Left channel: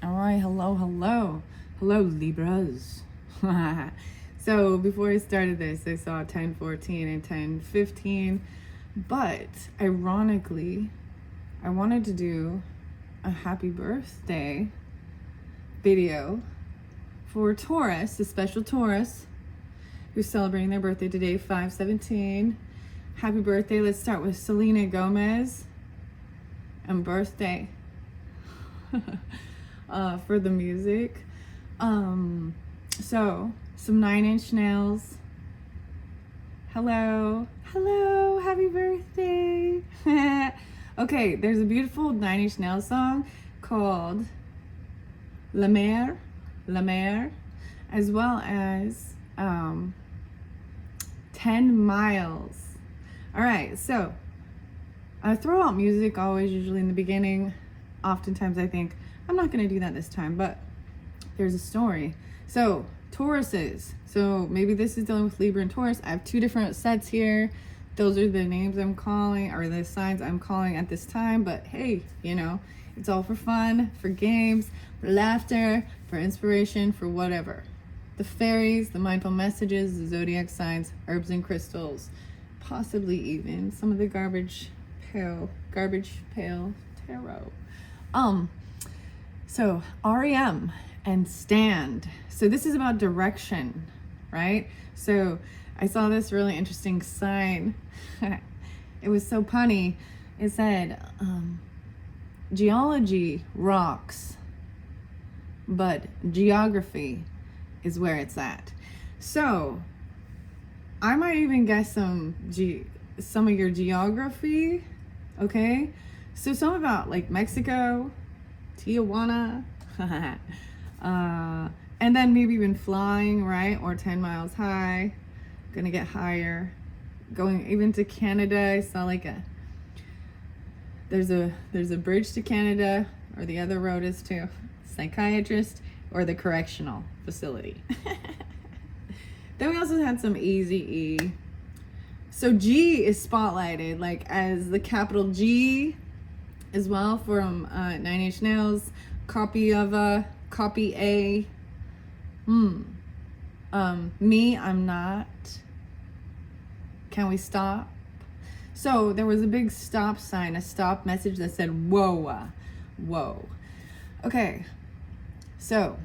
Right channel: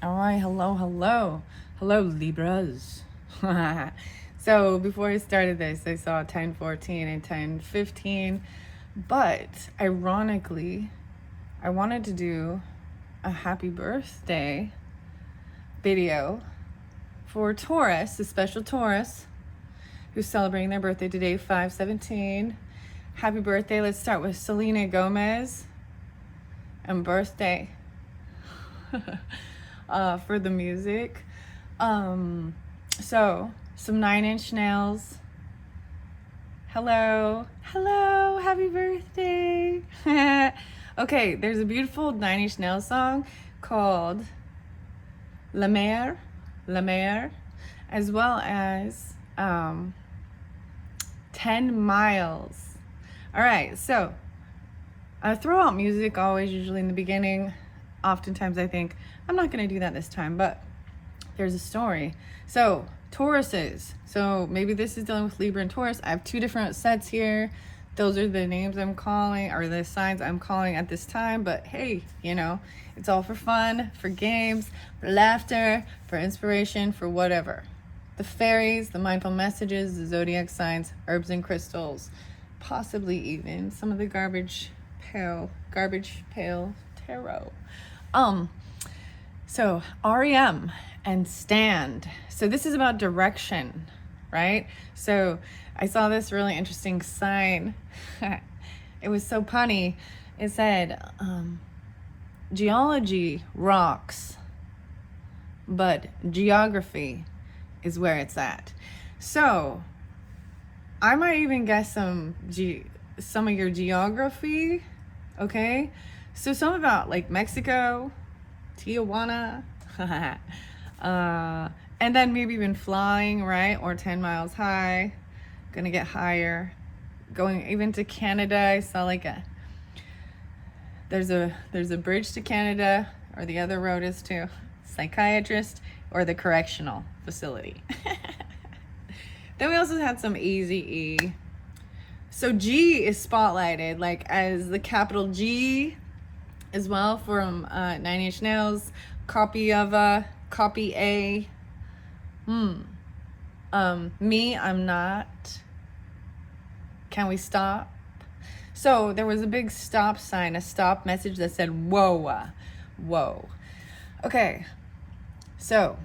All right, hello, Libras. So before I started this, I saw 10:14 and 10:15, but ironically, I wanted to do a happy birthday video for Taurus, a special Taurus who's celebrating their birthday today, 5/17. Happy birthday. Let's start with Selena Gomez and birthday. For the music. So some 9 Inch Nails. Hello, happy birthday. Okay, there's a beautiful 9 Inch Nails song called La Mer, as well as 10 Miles. All right, so I throw out music always, usually in the beginning. Oftentimes I think, I'm not going to do that this time, but there's a story. So, Tauruses. So, maybe this is dealing with Libra and Taurus. I have two different sets here. Those are the names I'm calling, or the signs I'm calling at this time. But hey, it's all for fun, for games, for laughter, for inspiration, for whatever. The fairies, the mindful messages, the zodiac signs, herbs and crystals, possibly even some of the garbage pail tarot. So REM and stand. So this is about direction, right? So I saw this really interesting sign. It was so punny. It said, geology rocks, but geography is where it's at. So I might even guess some of your geography, okay? So some about like Mexico, Tijuana, and then maybe even flying, right? Or 10 miles high, gonna get higher. Going even to Canada, I saw like there's a bridge to Canada, or the other road is to psychiatrist or the correctional facility. Then we also had some easy E. So G is spotlighted, like as the capital G as well, from 9 Inch Nails, copy of copy A. Me, I'm not. Can we stop? So there was a big stop sign, a stop message that said, whoa. Okay, so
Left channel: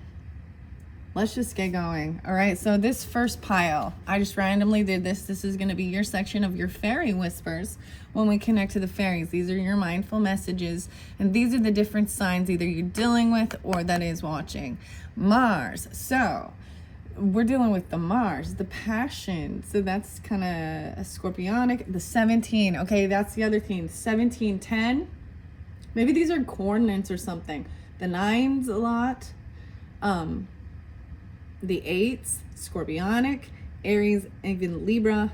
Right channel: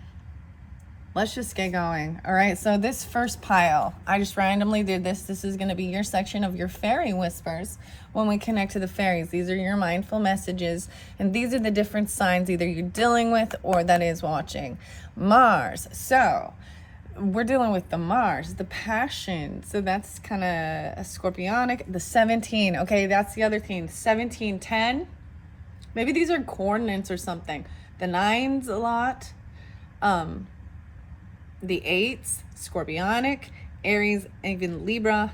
let's just get going. All right, so this first pile, I just randomly did this. This is going to be your section of your fairy whispers when we connect to the fairies. These are your mindful messages, and these are the different signs either you're dealing with or that is watching. Mars. So we're dealing with the Mars, the passion. So that's kind of a scorpionic. The 17. Okay, that's the other thing. 17, 10. Maybe these are coordinates or something. The 9's a lot. The 8's scorpionic, Aries, even Libra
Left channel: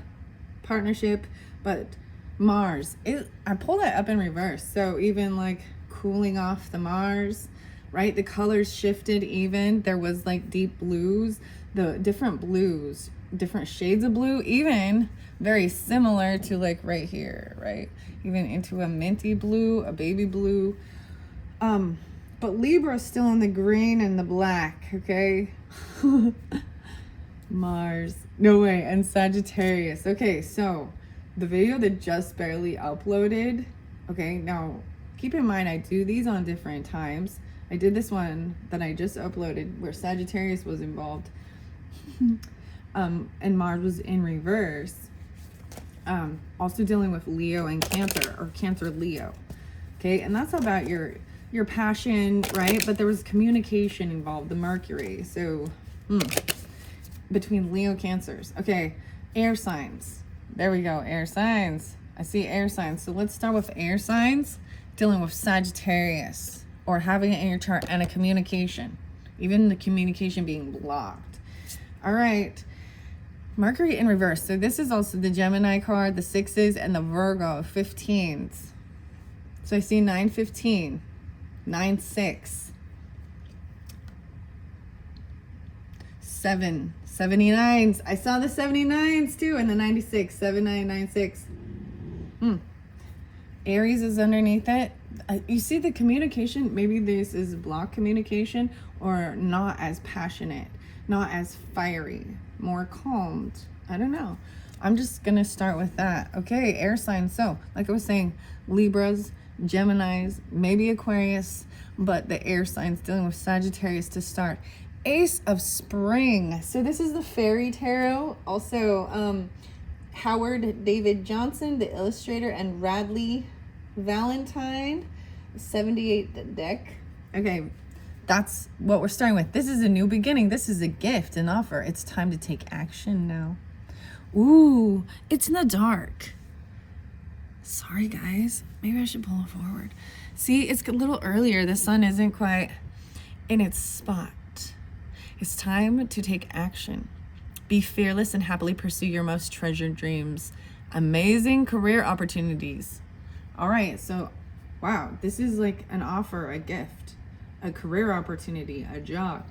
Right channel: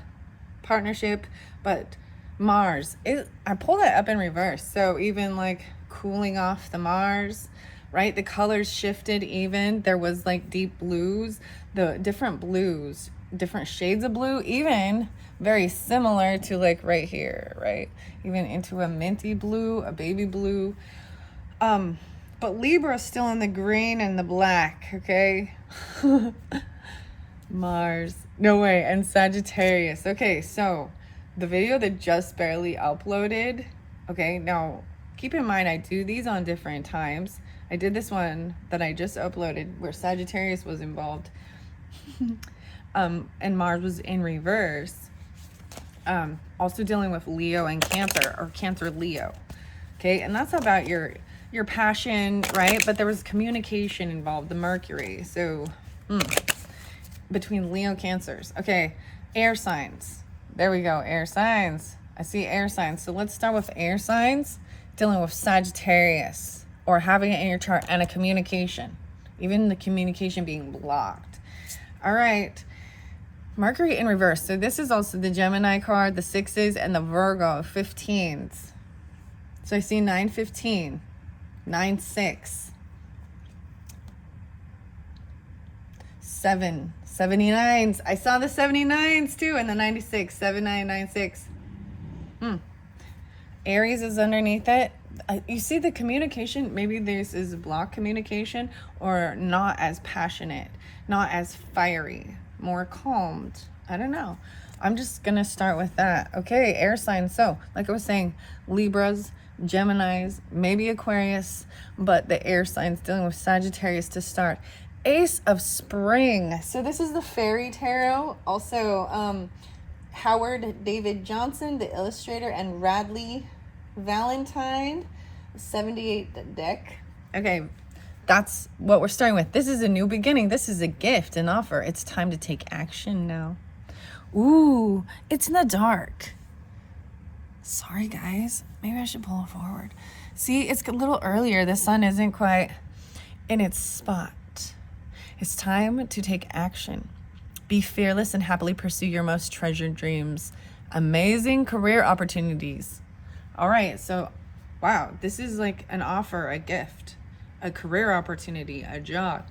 partnership, but Mars, I pulled that up in reverse. So even like cooling off the Mars, right? The colors shifted even. There was like deep blues, the different blues, different shades of blue, even very similar to like right here, right? Even into a minty blue, a baby blue. But Libra is still in the green and the black, okay? Mars. No way. And Sagittarius. Okay, so the video that just barely uploaded, okay, now keep in mind I do these on different times. I did this one that I just uploaded where Sagittarius was involved. And Mars was in reverse. Also dealing with Leo and Cancer, or Cancer Leo. Okay, and that's about your passion, right? But there was communication involved, the Mercury. So between Leo, Cancers. Okay, air signs. There we go, air signs. I see air signs. So let's start with air signs dealing with Sagittarius, or having it in your chart, and a communication, even the communication being blocked. All right, Mercury in reverse. So this is also the Gemini card, the 6s, and the Virgo 15s. So I see 9-15, 9-6, 79s. I saw the 79s too, and the 96, 7996. Aries is underneath it. You see the communication, maybe this is block communication or not as passionate, not as fiery, more calmed. I don't know. I'm just gonna start with that. Okay, air signs. So like I was saying, Libras, Geminis, maybe Aquarius, but the air signs dealing with Sagittarius to start. Ace of Spring. So this is the fairy tarot. Also, Howard David Johnson, the illustrator, and Radley Valentine, 78 deck. Okay, that's what we're starting with. This is a new beginning. This is a gift, an offer. It's time to take action now. Ooh, it's in the dark. Sorry, guys. Maybe I should pull it forward. See, it's a little earlier. The sun isn't quite in its spot. It's time to take action. Be fearless and happily pursue your most treasured dreams. Amazing career opportunities. All right, so wow, this is like an offer, a gift, a career opportunity, a job.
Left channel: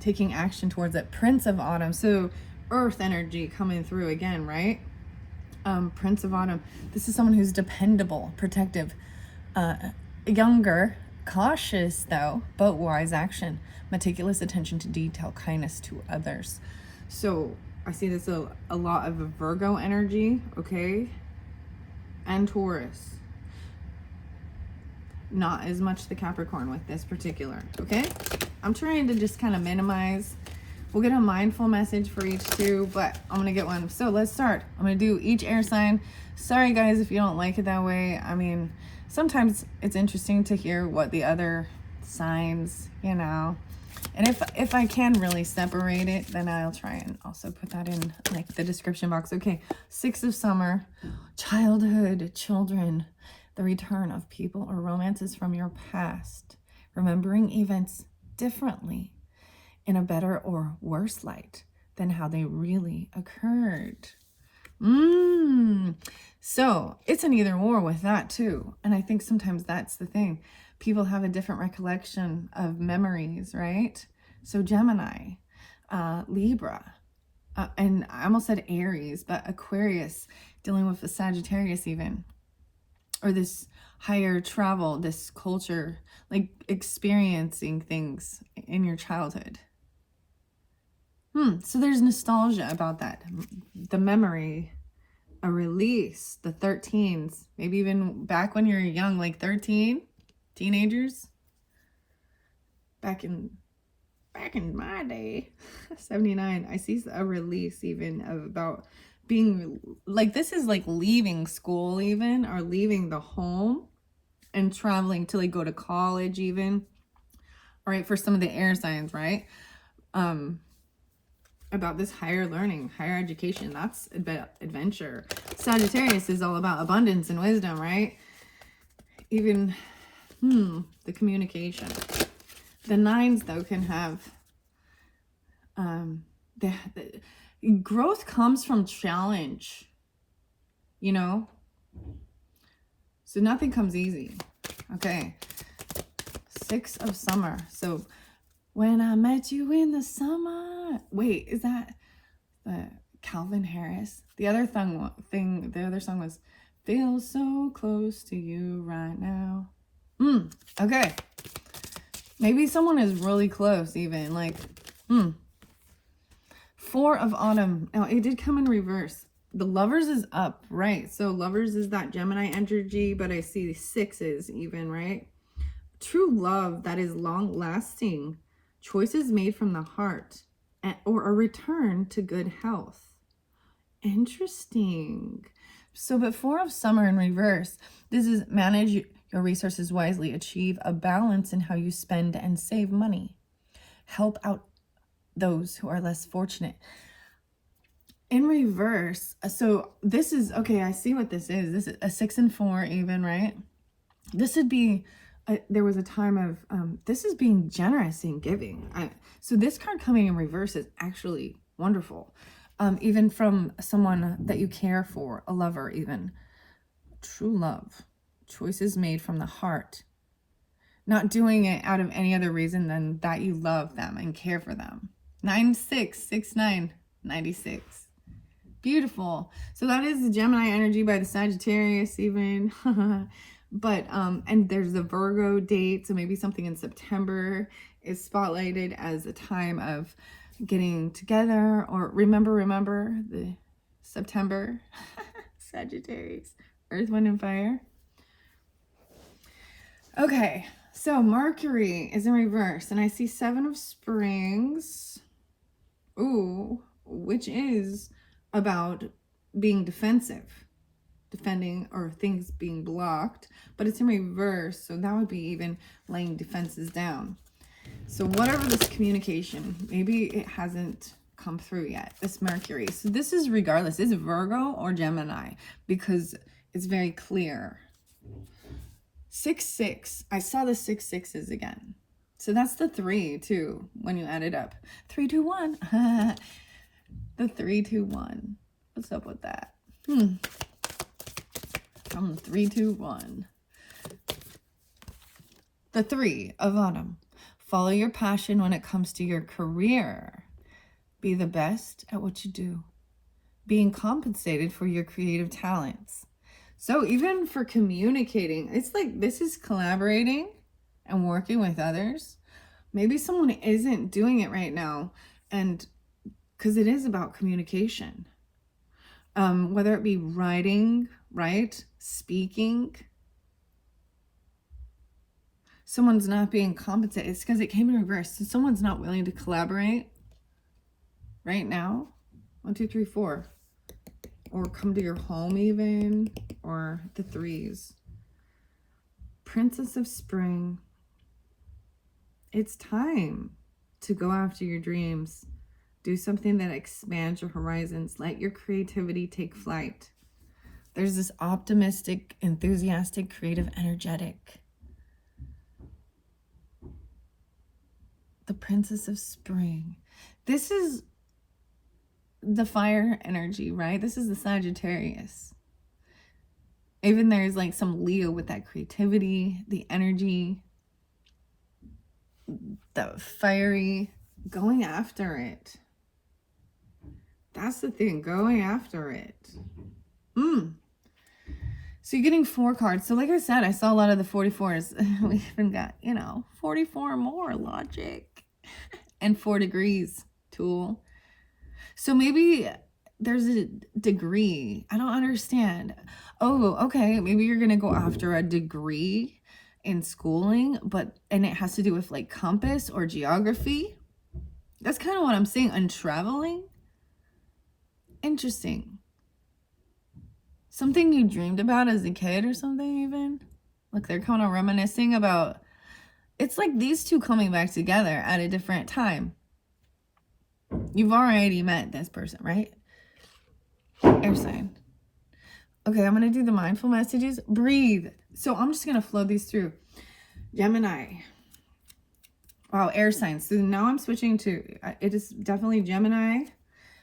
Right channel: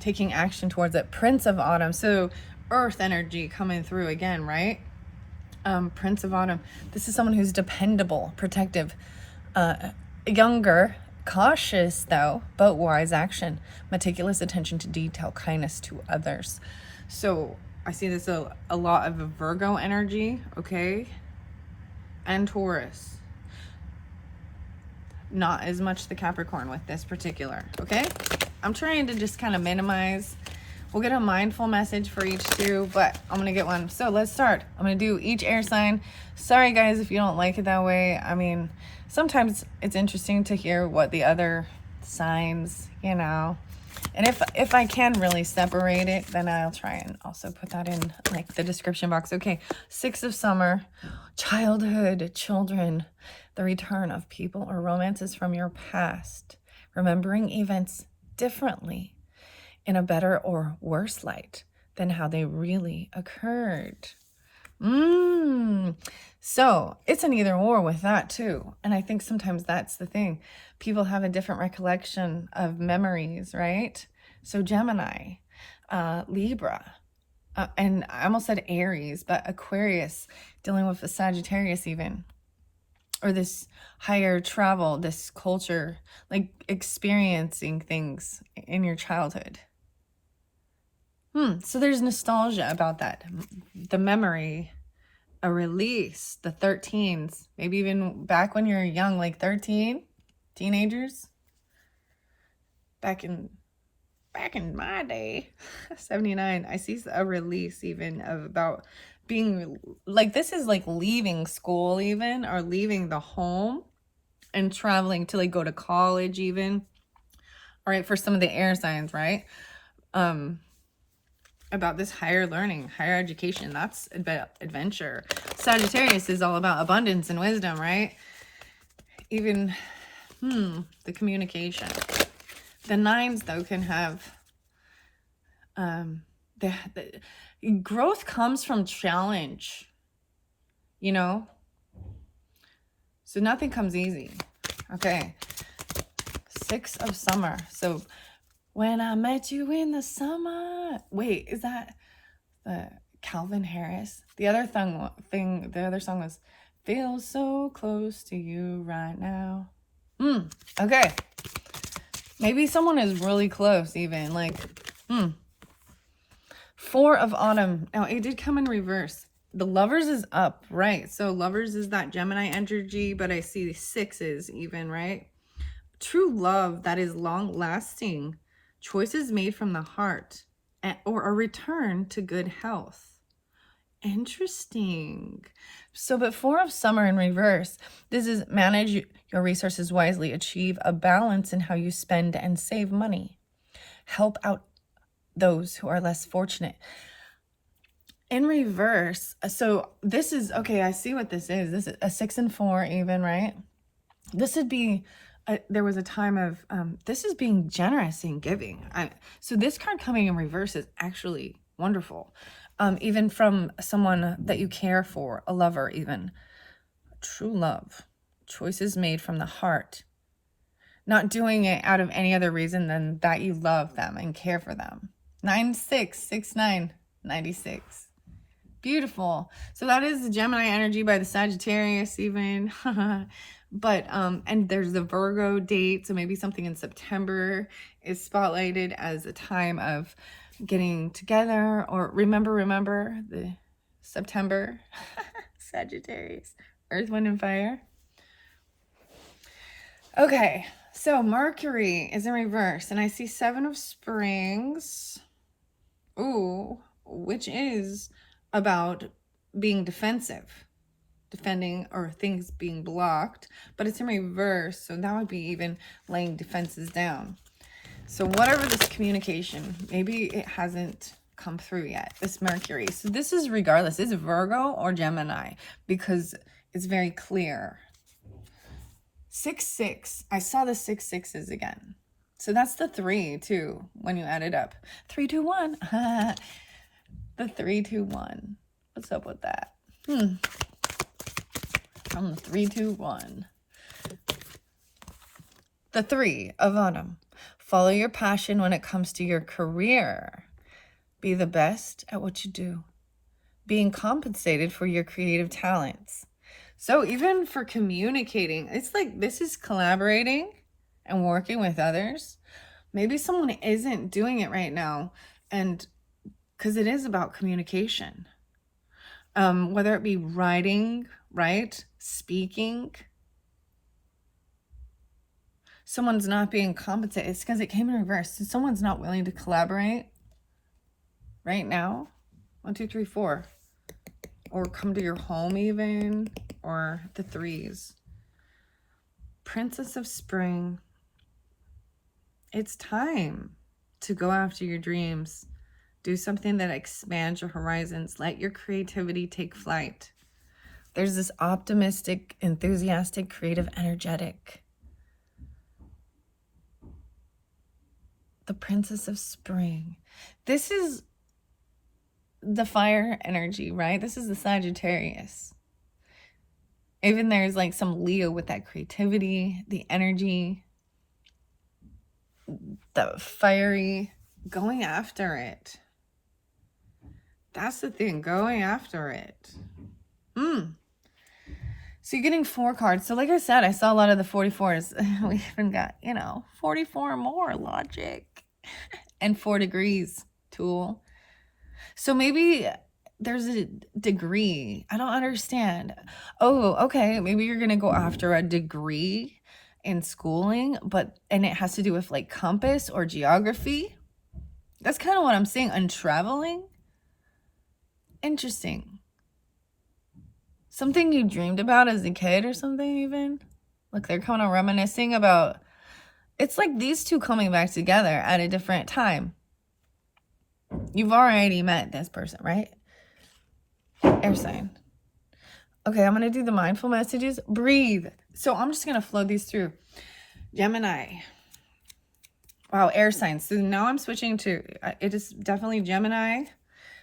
Taking action towards it. Prince of Autumn. So earth energy coming through again, right? Prince of Autumn. This is someone who's dependable, protective, younger, cautious though, but wise action. Meticulous attention to detail, kindness to others. So I see this a lot of Virgo energy, okay? And Taurus. Not as much the Capricorn with this particular, okay? I'm trying to just kind of minimize. We'll get a mindful message for each two, but I'm gonna get one. So let's start. I'm gonna do each air sign. Sorry guys if you don't like it that way. I mean, sometimes it's interesting to hear what the other signs, you know. And if I can really separate it, then I'll try and also put that in like the description box. Okay, 6 of summer, childhood, children, the return of people or romances from your past, remembering events differently in a better or worse light than how they really occurred. So it's an either or with that too. And I think sometimes that's the thing. People have a different recollection of memories, right? So Gemini, Libra, and I almost said Aries, but Aquarius, dealing with the Sagittarius even, or this higher travel, this culture, like experiencing things in your childhood. So there's nostalgia about that. The memory, a release, the 13s, maybe even back when you're young, like 13, teenagers. Back in my day, 79, I see a release even of about being like, this is like leaving school even, or leaving the home and traveling to like go to college even. All right, for some of the air signs, right? About this higher learning, higher education, that's about adventure. Sagittarius is all about abundance and wisdom, right? Even the communication. The 9s though can have the growth comes from challenge, you know, so nothing comes easy. Okay, 6 of summer. So when I met you in the summer. Wait, is that Calvin Harris? The other song was Feel So Close to You Right Now. Okay. Maybe someone is really close even, like, 4 of autumn. Now, it did come in reverse. The lovers is up, right? So lovers is that Gemini energy, but I see the 6s even, right? True love that is long lasting. Choices made from the heart, or a return to good health. Interesting. So, but 4 of summer in reverse, this is manage your resources wisely, achieve a balance in how you spend and save money, help out those who are less fortunate. In reverse, so this is, okay, I see what this is. This is a 6 and 4 even, right? This would be, there was a time of, this is being generous and giving. So this card coming in reverse is actually wonderful. Even from someone that you care for, a lover even. True love. Choices made from the heart. Not doing it out of any other reason than that you love them and care for them. 9669 96. Beautiful. So that is the Gemini energy by the Sagittarius even. But and there's the Virgo date, so maybe something in September is spotlighted as a time of getting together. Or remember the September. Sagittarius, earth, wind, and fire. Okay, so Mercury is in reverse, and I see 7 of Springs. Ooh, which is about being defensive, defending, or things being blocked, but it's in reverse, so that would be even laying defenses down. So whatever this communication, maybe it hasn't come through yet, this Mercury. So this is regardless, it's Virgo or Gemini, because it's very clear. 6-6, I saw the 6 6s again. So that's the 3 too, when you add it up. 3, 2, 1. The 3, 2, 1. What's up with that? 3, 2, 1. The 3 of Autumn. Follow your passion when it comes to your career. Be the best at what you do. Being compensated for your creative talents. So even for communicating, it's like this is collaborating and working with others. Maybe someone isn't doing it right now, and because it is about communication. Whether it be writing, right? Speaking. Someone's not being compensated. It's because it came in reverse. So someone's not willing to collaborate right now. 1, 2, 3, 4. Or come to your home even. Or the 3s. Princess of Spring. It's time to go after your dreams. Do something that expands your horizons. Let your creativity take flight. There's this optimistic, enthusiastic, creative, energetic. The Princess of Spring. This is the fire energy, right? This is the Sagittarius. Even there's like some Leo with that creativity, the energy, the fiery, going after it. That's the thing, going after it. So you're getting 4 cards. So like I said, I saw a lot of the 44s. We even got, 44 more, logic. And 4 degrees, tool. So maybe there's a degree. I don't understand. Oh, okay. Maybe you're going to go after a degree in schooling, and it has to do with like compass or geography. That's kind of what I'm seeing. Untraveling. Interesting. Something you dreamed about as a kid or something even. Look, they're kind of reminiscing about, it's like these two coming back together at a different time. You've already met this person, right? Air sign. Okay, I'm going to do the mindful messages. Breathe. So I'm just going to flow these through. Gemini. Wow, air signs. So now I'm switching to, it is definitely Gemini,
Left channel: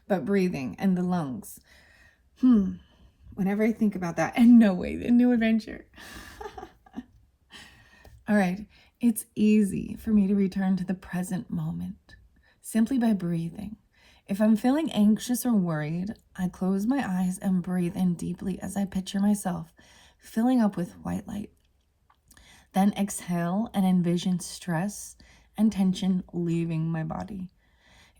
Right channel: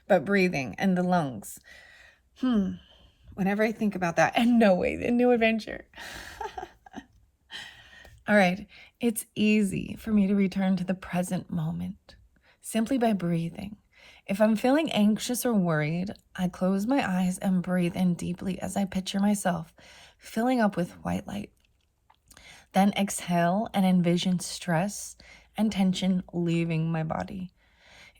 but breathing and the lungs. Whenever I think about that, and no way, the new adventure. All right, it's easy for me to return to the present moment simply by breathing. If I'm feeling anxious or worried, I close my eyes and breathe in deeply as I picture myself filling up with white light. Then exhale and envision stress and tension leaving my body.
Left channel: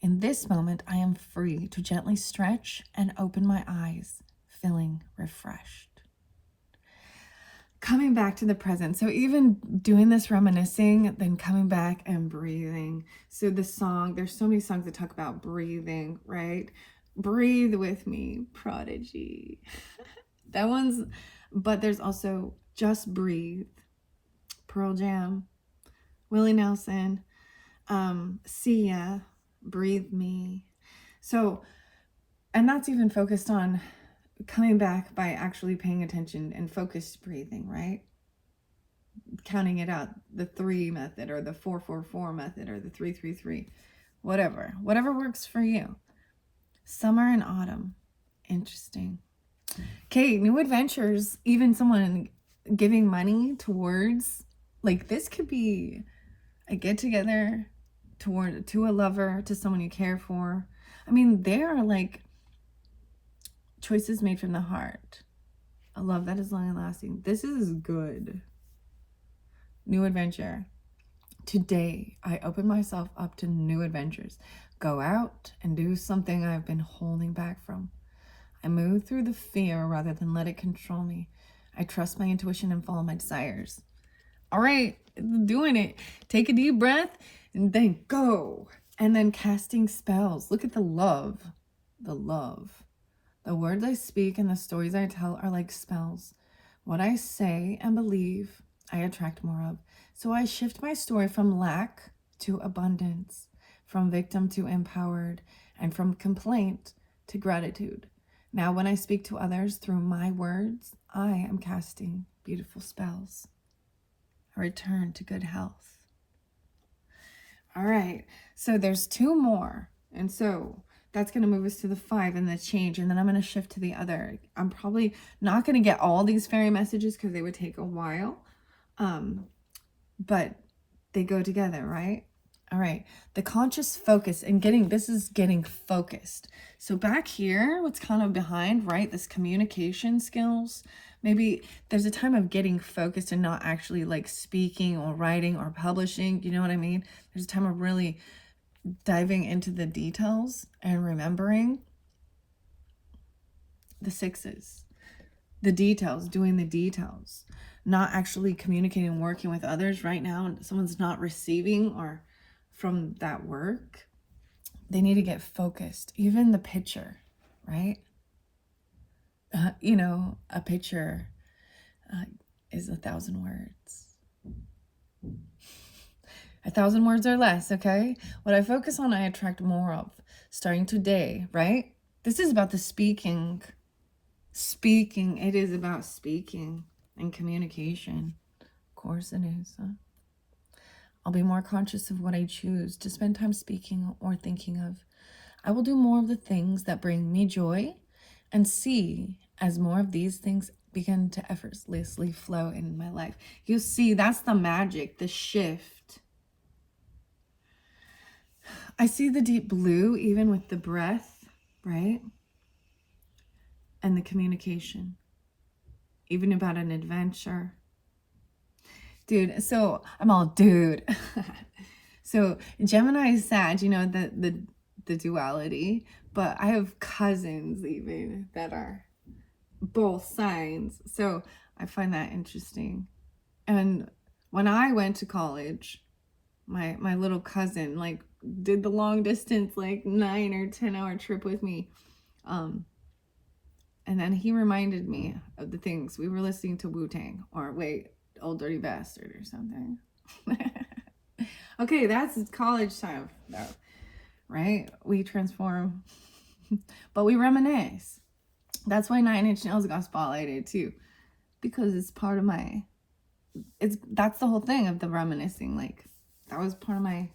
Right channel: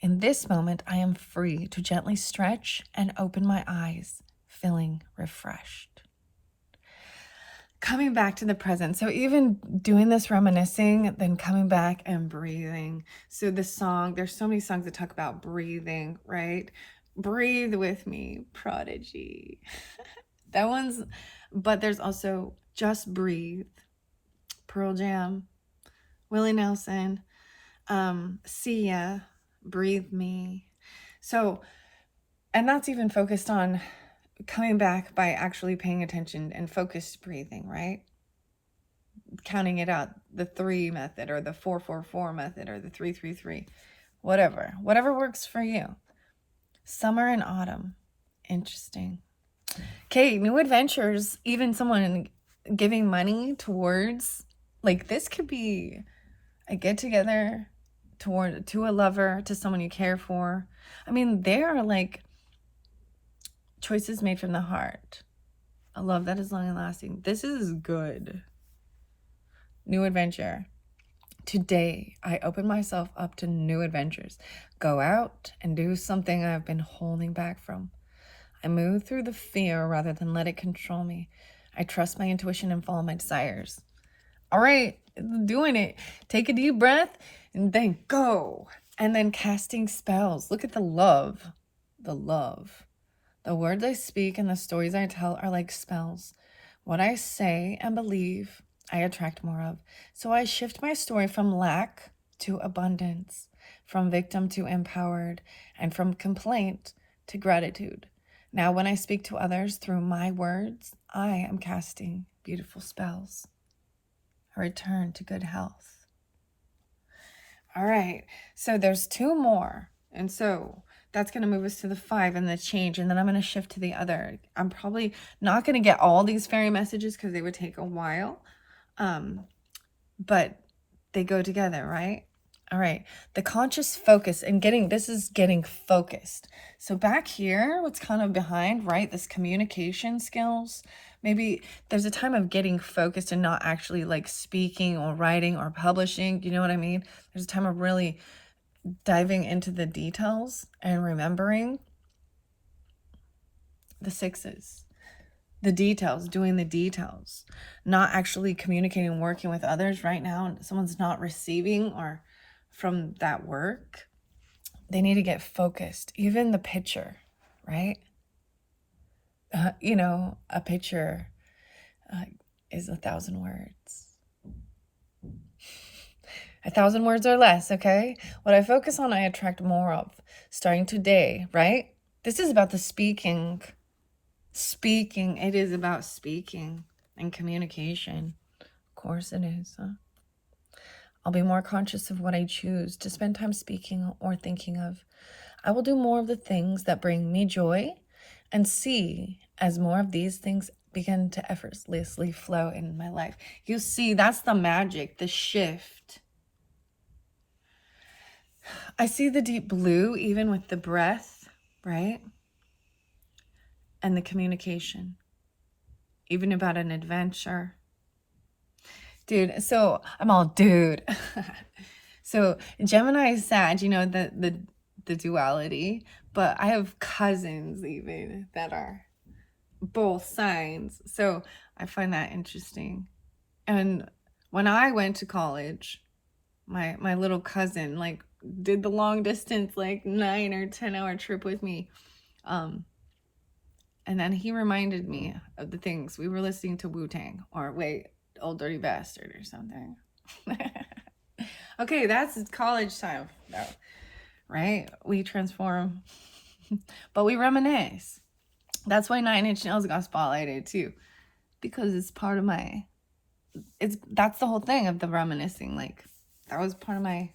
In this moment, I am free to gently stretch and open my eyes, feeling refreshed. Coming back to the present. So even doing this reminiscing, then coming back and breathing. So the song, there's so many songs that talk about breathing, right? Breathe with me, Prodigy. That one's, but there's also Just Breathe, Pearl Jam, Willie Nelson, Sia, Breathe Me. So, and that's even focused on coming back by actually paying attention and focused breathing, right? Counting it out, the 3 method or the 4-4-4 method or the 3-3-3, whatever works for you. Summer and autumn. Interesting. Okay, new adventures, even someone giving money towards, like this could be a get together to a lover, to someone you care for. I mean, they are like choices made from the heart. A love that is long and lasting. This is good. New adventure. Today, I open myself up to new adventures. Go out and do something I've been holding back from. I move through the fear rather than let it control me. I trust my intuition and follow my desires. All right, doing it. Take a deep breath and then go. And then casting spells. Look at the love. The love. The words I speak and the stories I tell are like spells. What I say and believe, I attract more of. So I shift my story from lack to abundance, from victim to empowered, and from complaint to gratitude. Now, when I speak to others through my words, I am casting beautiful spells. A return to good health. All right, so there's 2 more. And so that's going to move us to the 5 and the change. And then I'm going to shift to the other. I'm probably not going to get all these fairy messages because they would take a while. But they go together, right? All right. The conscious focus and getting focused. So back here, what's kind of behind, right? This communication skills. Maybe there's a time of getting focused and not actually like speaking or writing or publishing. You know what I mean? There's a time of really diving into the details and remembering the 6s, the details, doing the details, not actually communicating, working with others right now. And someone's not receiving or from that work. They need to get focused. Even the picture, right? A picture is 1,000 words. 1,000 words or less, okay? What I focus on, I attract more of. Starting today, right? This is about the speaking. Speaking. It is about speaking and communication. Of course it is. Huh? I'll be more conscious of what I choose to spend time speaking or thinking of. I will do more of the things that bring me joy and see as more of these things begin to effortlessly flow in my life. You see, that's the magic, the shift. I see the deep blue even with the breath, right? And the communication, even about an adventure. Dude, so I'm all dude. So Gemini is Sag, the duality, but I have cousins even that are both signs. So I find that interesting. And when I went to college, my little cousin like did the long distance, like 9 or 10 hour trip with me. And then he reminded me of the things we were listening to Wu-Tang or Old Dirty Bastard or something. Okay, that's college time though, right? We transform, but we reminisce. That's why 9 Inch Nails got spotlighted too, because it's part of that's the whole thing of the reminiscing. Like that was part of my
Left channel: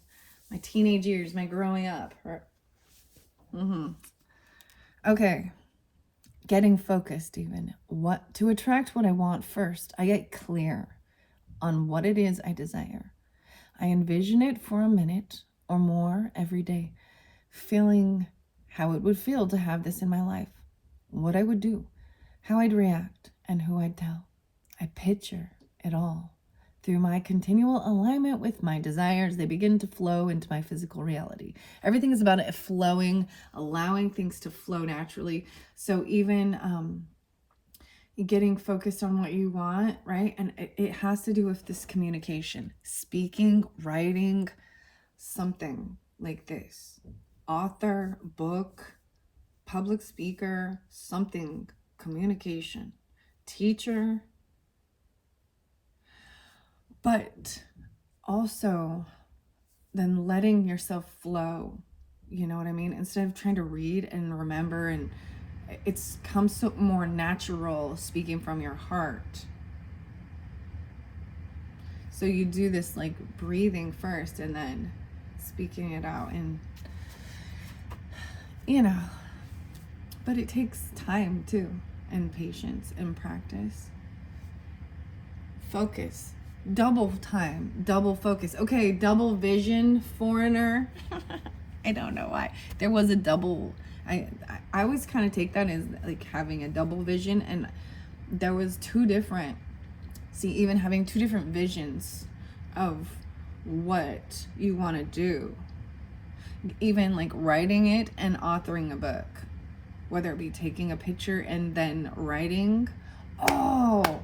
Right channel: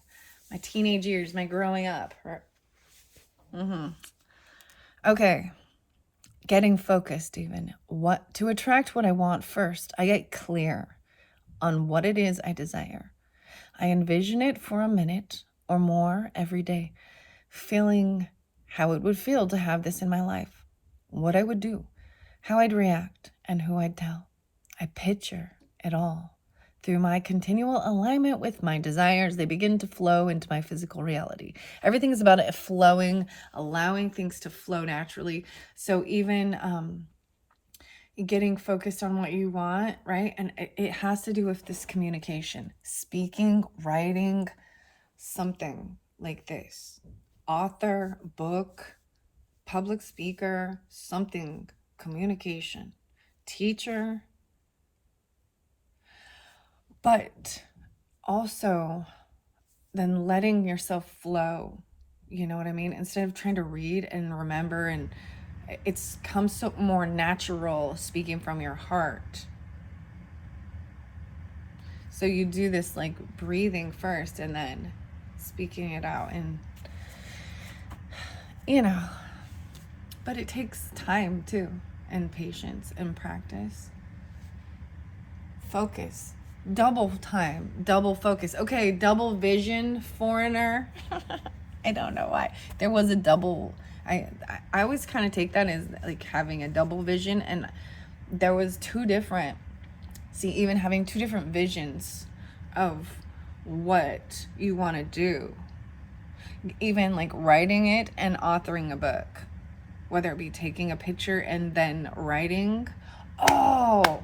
teenage years, my growing up. Okay. Getting focused even. To attract what I want first, I get clear on what it is I desire. I envision it for a minute or more every day, feeling how it would feel to have this in my life, what I would do, how I'd react, and who I'd tell. I picture it all. Through my continual alignment with my desires, they begin to flow into my physical reality. Everything is about it flowing, allowing things to flow naturally. So even getting focused on what you want, right? And it has to do with this communication, speaking, writing, something like this. Author, book, public speaker, something, communication, teacher. But also then letting yourself flow, you know what I mean? Instead of trying to read and remember, and it's comes so more natural speaking from your heart. So you do this like breathing first and then speaking it out, and but it takes time too, and patience and practice. Focus. Double time, double focus. Okay, double vision, foreigner. I don't know why. There was a double. I always kind of take that as like having a double vision, and there was two different, see, even having two different visions of what you want to do. Even like writing it and authoring a book, whether it be taking a picture and then writing. Oh,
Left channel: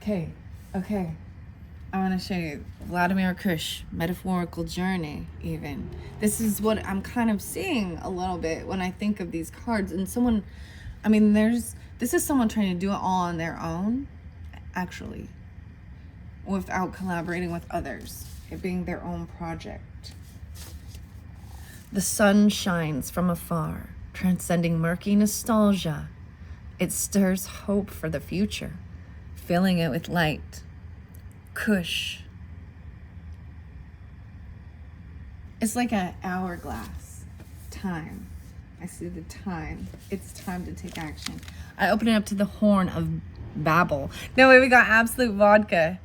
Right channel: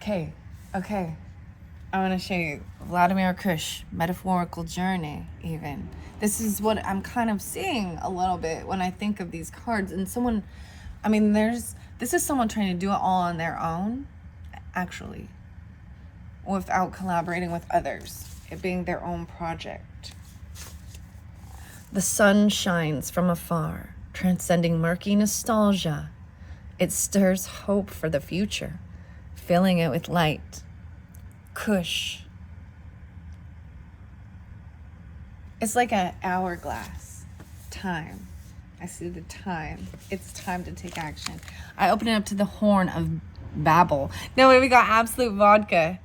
okay. I'm going to show you Vladimir Kush, Metaphorical Journey, even. This is what I'm kind of seeing a little bit when I think of these cards. And someone, I mean, this is someone trying to do it all on their own, actually, without collaborating with others, it being their own project. The sun shines from afar, transcending murky nostalgia. It stirs hope for the future, filling it with light. Kush. It's like an hourglass. Time. I see the time. It's time to take action. I open it up to the Horn of Babel. No, wait, we got Absolute Vodka.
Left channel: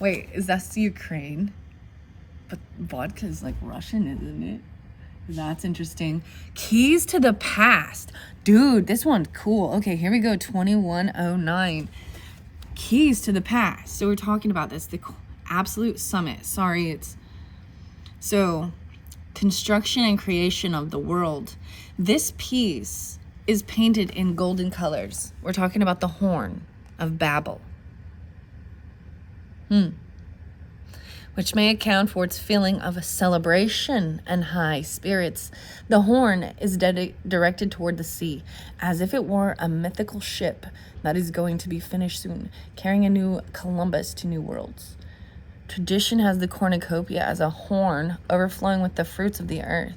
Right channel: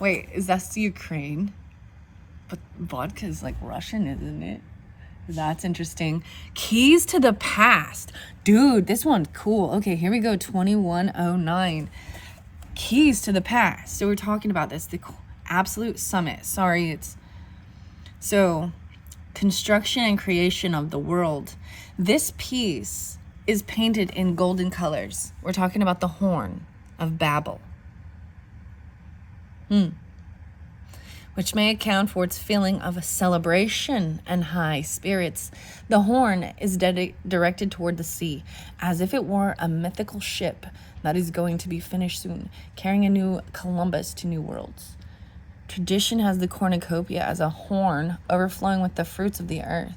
Wait, is that Ukraine? But vodka is like Russian, isn't it? That's interesting. Keys to the Past. Dude, this one's cool. Okay, here we go. 2109. Keys to the Past. So we're talking about this. The Absolute Summit. Sorry, it's... So, construction and creation of the world. This piece is painted in golden colors. We're talking about the Horn of Babel. Which may account for its feeling of a celebration and high spirits. The horn is directed toward the sea, as if it were a mythical ship that is going to be finished soon, carrying a new Columbus to new worlds. Tradition has the cornucopia as a horn overflowing with the fruits of the earth.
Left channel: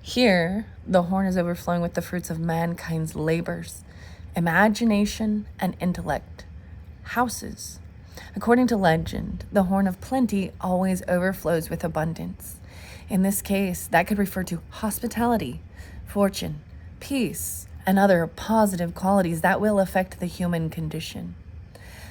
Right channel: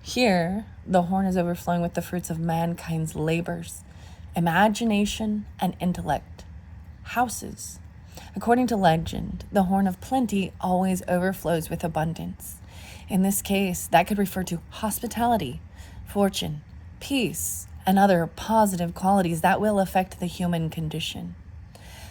Here, the horn is overflowing with the fruits of mankind's labors, imagination, and intellect. Houses. According to legend, the horn of plenty always overflows with abundance. In this case, that could refer to hospitality, fortune, peace, and other positive qualities that will affect the human condition.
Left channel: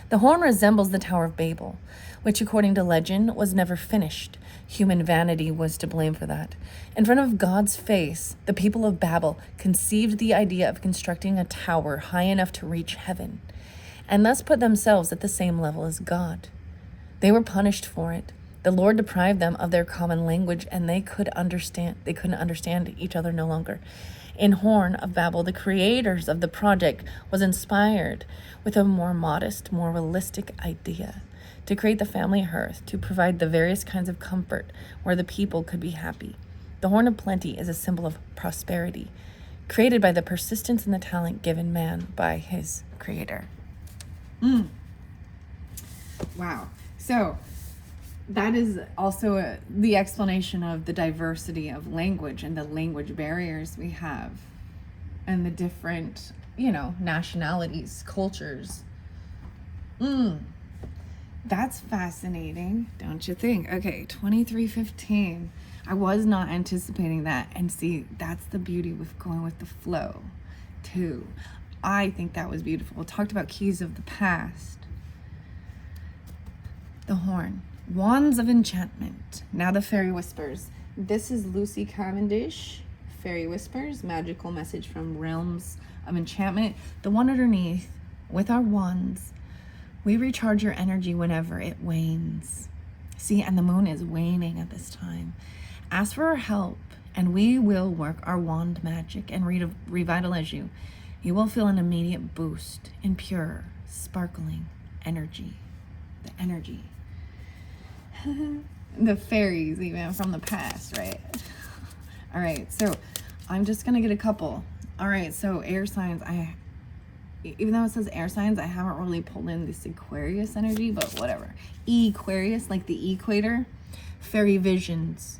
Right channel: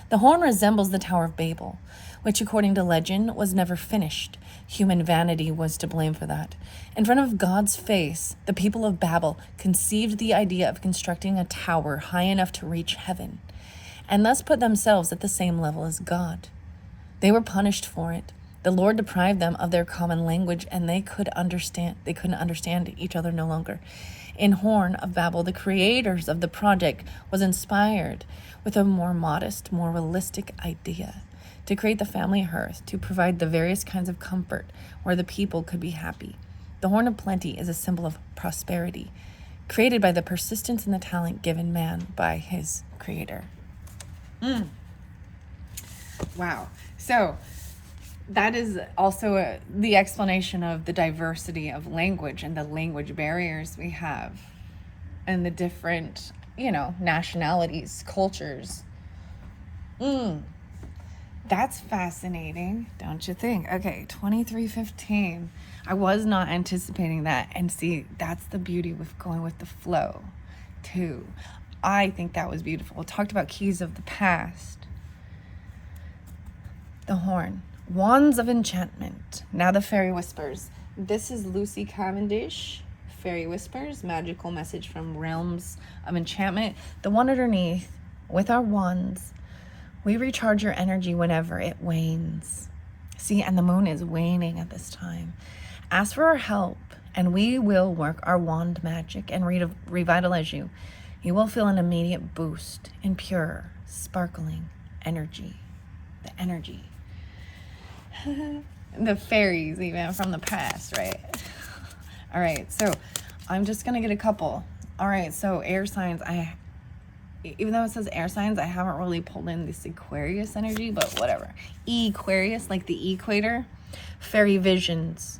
The horn resembles the Tower of Babel, which according to legend was never finished. Human vanity was to blame for that. In front of God's face, the people of Babel conceived the idea of constructing a tower high enough to reach heaven, and thus put themselves at the same level as God. They were punished for it. The Lord deprived them of their common language, and they couldn't understand each other no longer. In Horn of Babel, the creators of the project was inspired with a more modest, more realistic idea to create the family hearth, to provide the various kinds of comfort where the people could be happy. The Horn of Plenty is a symbol of prosperity, created by the persistence and the talent given man by his creator. Wow. So that is also the explanation of the diversity of language and the language barriers we have and the different, nationalities, cultures. That's fascinating, don't you think? Okay, 2315. I was not anticipating that. And see, that's the beauty with going with the flow, too. I think that was beautiful. It talked about keys of the past. The horn. Wands of enchantment. Now the fairy whispers. This is Lucy Cavendish. Fairy whispers. Magical message from realms of enchantment. The one underneath. With our wands, we recharge your energy whenever it wanes. See, and the moon is waning at this time. Ask for our help, and we will work our wand magic and revitalize you. You will feel an immediate boost in pure, sparkling energy. The energy. The fairies, even from the past, right? All right, so I'm just going to get a couple. All right, so air signs. Even though it says air signs, I haven't really pulled in this Aquarius energy, but whatever. Aquarius, like the equator. Fairy visions.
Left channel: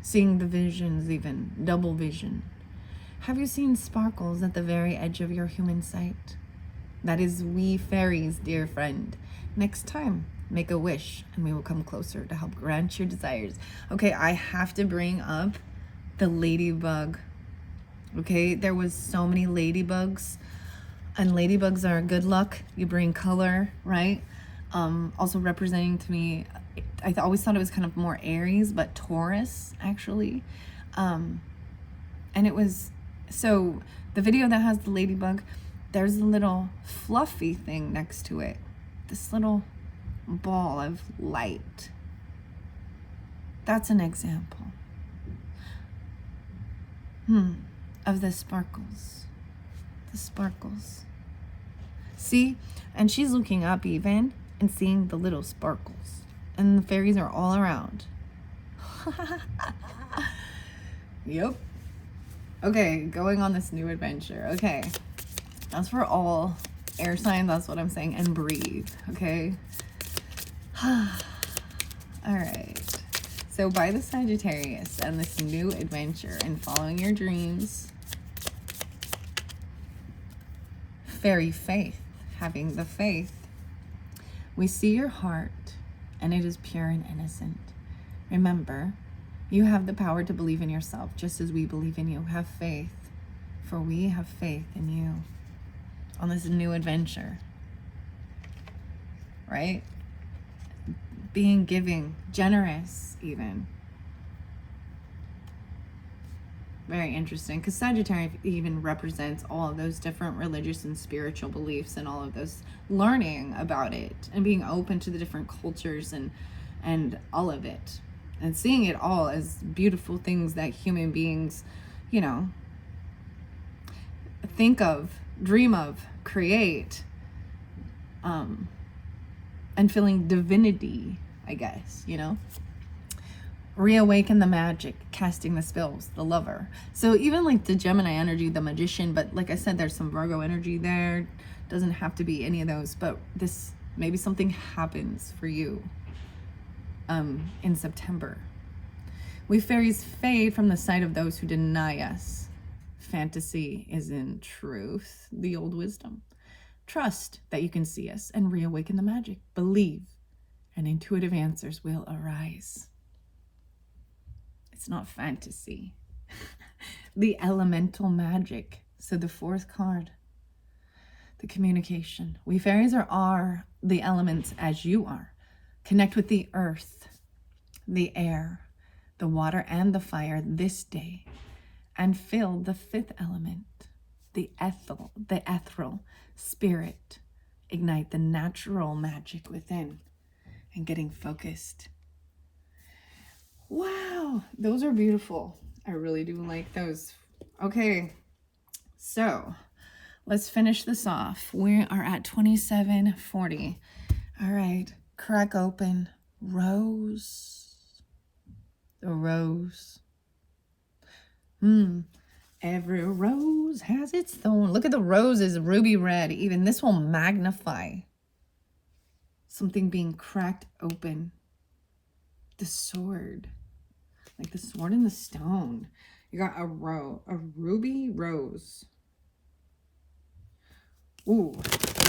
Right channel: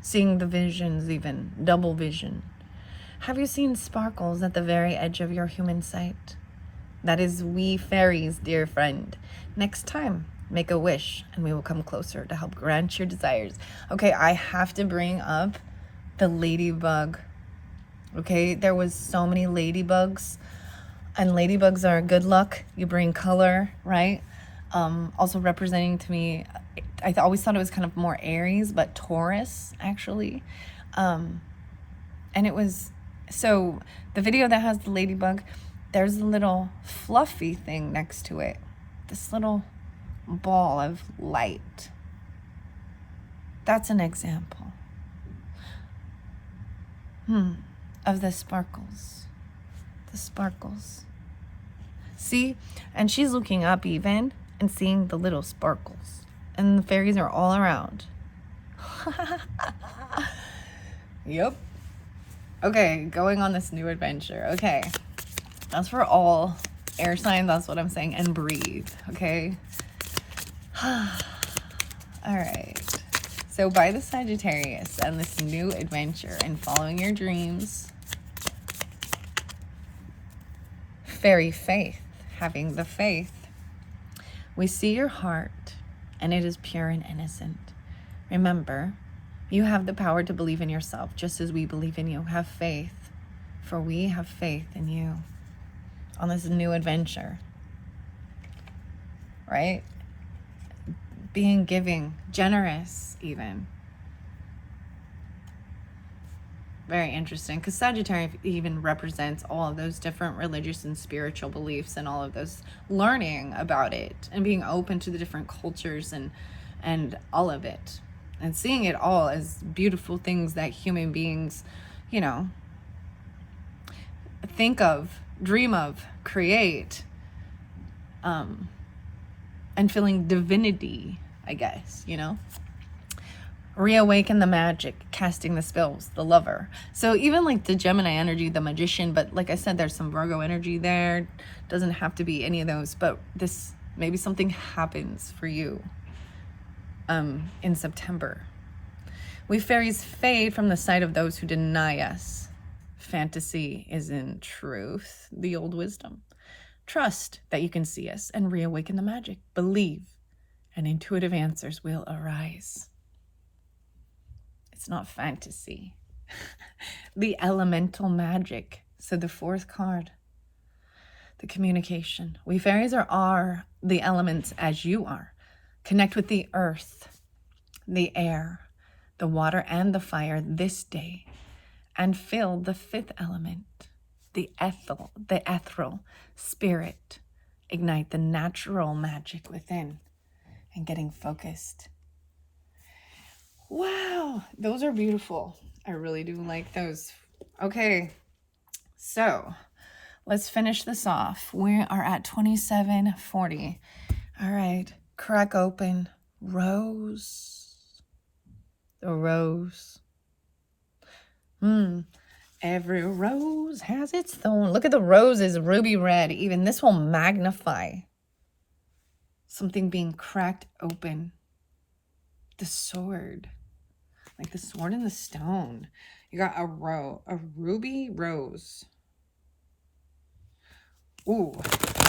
Seeing the visions, even. Double vision. Have you seen sparkles at the very edge of your human sight? That is we fairies, dear friend. Next time, make a wish, and we will come closer to help grant your desires. Okay, I have to bring up the ladybug. Okay, there was so many ladybugs, and ladybugs are good luck. You bring color, right? Also representing to me, I always thought it was kind of more Aries, but Taurus, actually. And it was... So the video that has the ladybug, there's a little fluffy thing next to it. This little ball of light. That's an example. Of the sparkles. The sparkles. See? And she's looking up even and seeing the little sparkles. And the fairies are all around. Yep. Okay, going on this new adventure. Okay. That's for all air signs. That's what I'm saying. And breathe. Okay. All right. So by the Sagittarius and this new adventure and following your dreams, fairy faith, having the faith, we see your heart and it is pure and innocent. Remember, you have the power to believe in yourself just as we believe in you. Have faith, for we have faith in you on this new adventure, right? Being giving, generous even. Very interesting, because Sagittarius even represents all of those different religious and spiritual beliefs and all of those, learning about it and being open to the different cultures and all of it, and seeing it all as beautiful things that human beings, you know, think of, dream of, create, and feeling divinity, I guess, you know. Reawaken the magic, casting the spells, the lover. So even like the Gemini energy, the magician, but like I said, there's some Virgo energy there. Doesn't have to be any of those, but this, maybe something happens for you in September. We fairies fade from the sight of those who deny us. Fantasy is in truth the old wisdom. Trust that you can see us and reawaken the magic. Believe, and intuitive answers will arise. It's not fantasy. The elemental magic. So the fourth card, the communication. We fairies are the elements as you are. Connect with the earth, the air, the water, and the fire this day, and feel the fifth element, the ethereal spirit. Ignite the natural magic within and getting focused. Wow, those are beautiful. I really do like those. Okay, so let's finish this off. We are at 27:40. All right, crack open rose. The rose. Every rose has its thorn. Look at the roses, ruby red. Even this will magnify something being cracked open. The sword, like the sword and the stone. You got a ruby rose. Ooh,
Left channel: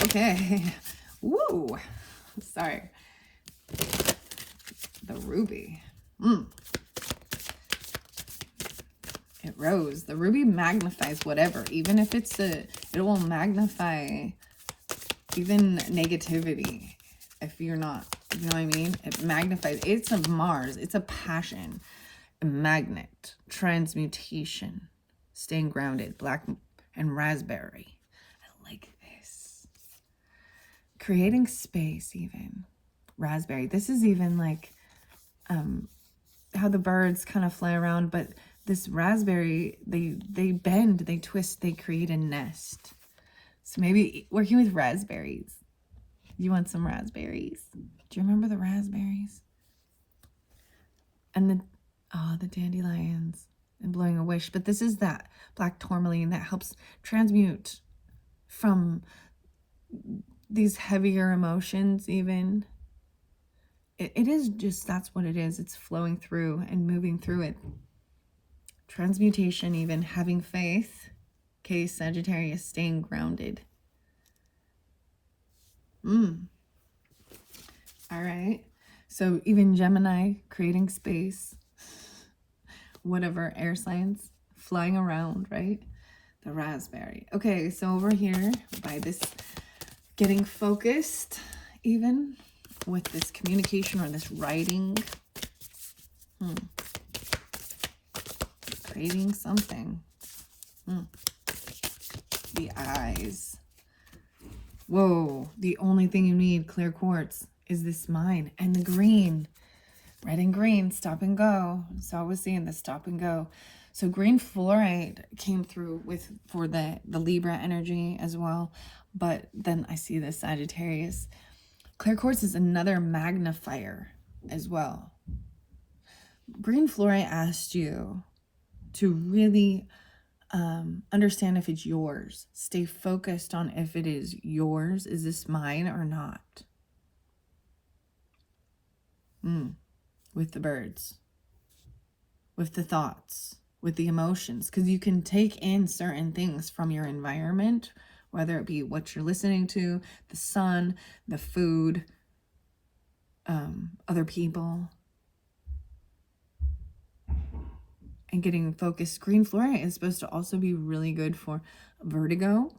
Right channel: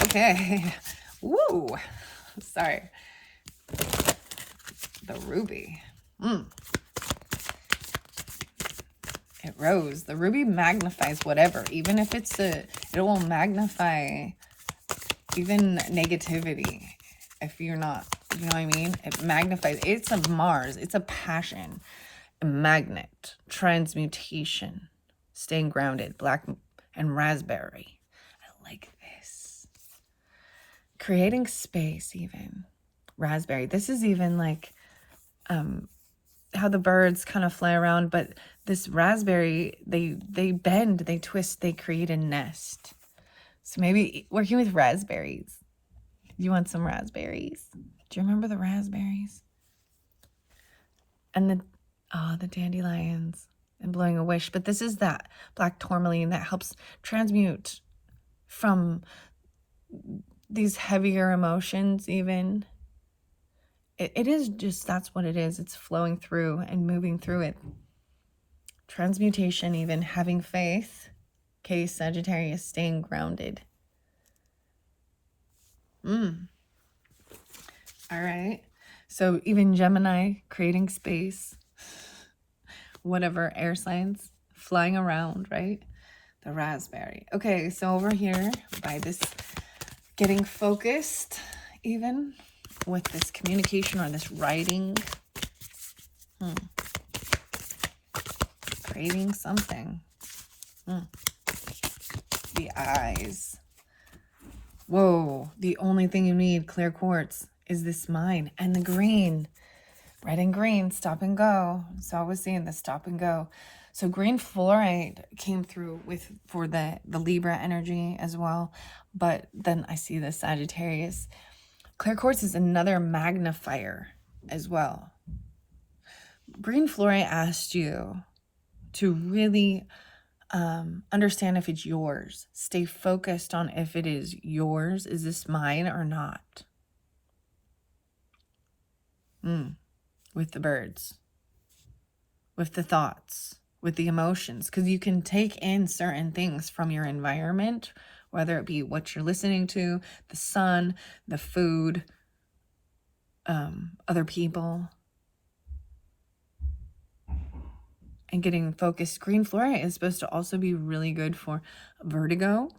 okay. Woo, sorry. The ruby. It rose. The ruby magnifies whatever, even if it's it will magnify even negativity. If you're not, you know what I mean? It magnifies. It's a Mars. It's a passion. A magnet. Transmutation. Staying grounded. Black and raspberry. I like this. Creating space even. Raspberry. This is even like how the birds kind of fly around, but this raspberry, they bend, they twist, they create a nest. So maybe working with raspberries. You want some raspberries? Do you remember the raspberries? And the dandelions and blowing a wish. But this is that black tourmaline that helps transmute from these heavier emotions even. It is just, that's what it is. It's flowing through and moving through it. Transmutation, even having faith. Okay, Sagittarius, staying grounded. All right. So even Gemini, creating space. Whatever, air signs, flying around, right? The raspberry. Okay, so over here, by this, getting focused, even with this communication or this writing. Creating something. The eyes. Whoa, the only thing you need, clear quartz, is this mine. And the green. Red and green, stop and go. So I was seeing the stop and go. So green fluorite came through for the Libra energy as well. But then I see the Sagittarius. Clear quartz is another magnifier as well. Green fluorite asked you to really understand if it's yours. Stay focused on if it is yours. Is this mine or not? With the birds, with the thoughts, with the emotions, because you can take in certain things from your environment, whether it be what you're listening to, the sun, the food, other people, and getting focused. Green fluorite is supposed to also be really good for vertigo,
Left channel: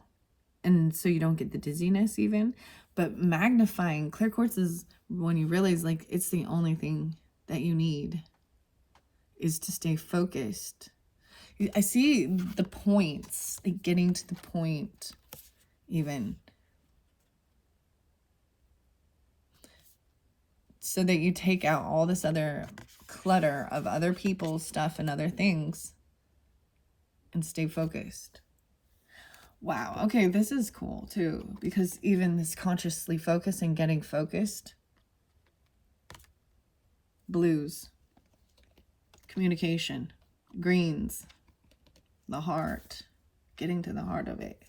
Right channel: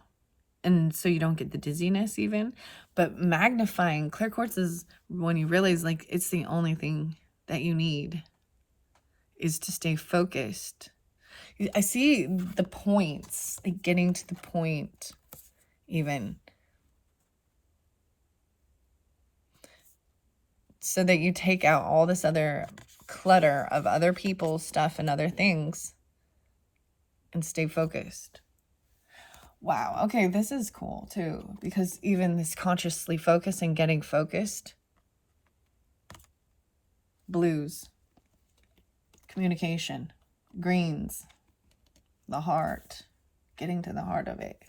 and so you don't get the dizziness even. But magnifying clear quartz is when you realize like it's the only thing that you need is to stay focused. I see the points, like getting to the point even, so that you take out all this other clutter of other people's stuff and other things and stay focused. Wow, okay, this is cool too, because even this consciously focus and getting focused. Blues, communication, greens, the heart, getting to the heart of it.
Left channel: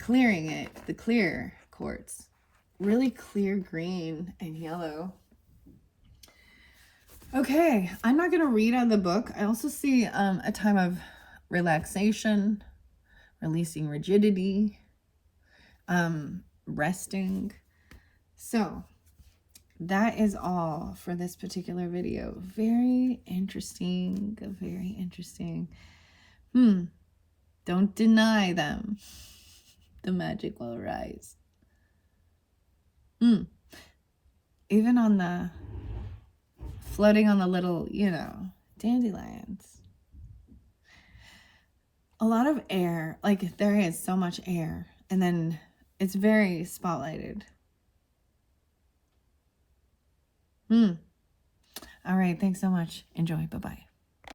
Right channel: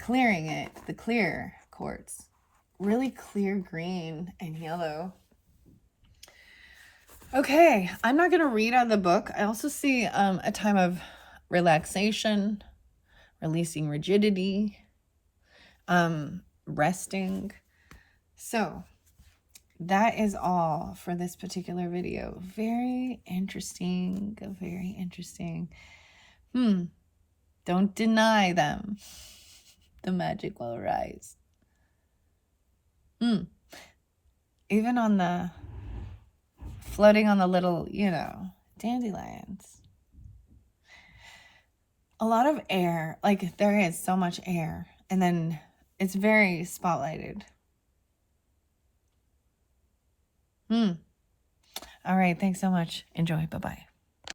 Clearing it, the clear quartz. Really clear green and yellow. Okay, I'm not going to read out of the book. I also see a time of relaxation, releasing rigidity, resting. So that is all for this particular video. Very interesting, very interesting. Don't deny them. The magic will arise. Even on the floating on the little, dandelions. A lot of air, like there is so much air, and then it's very spotlighted. All right, thanks so much. Enjoy. Bye-bye.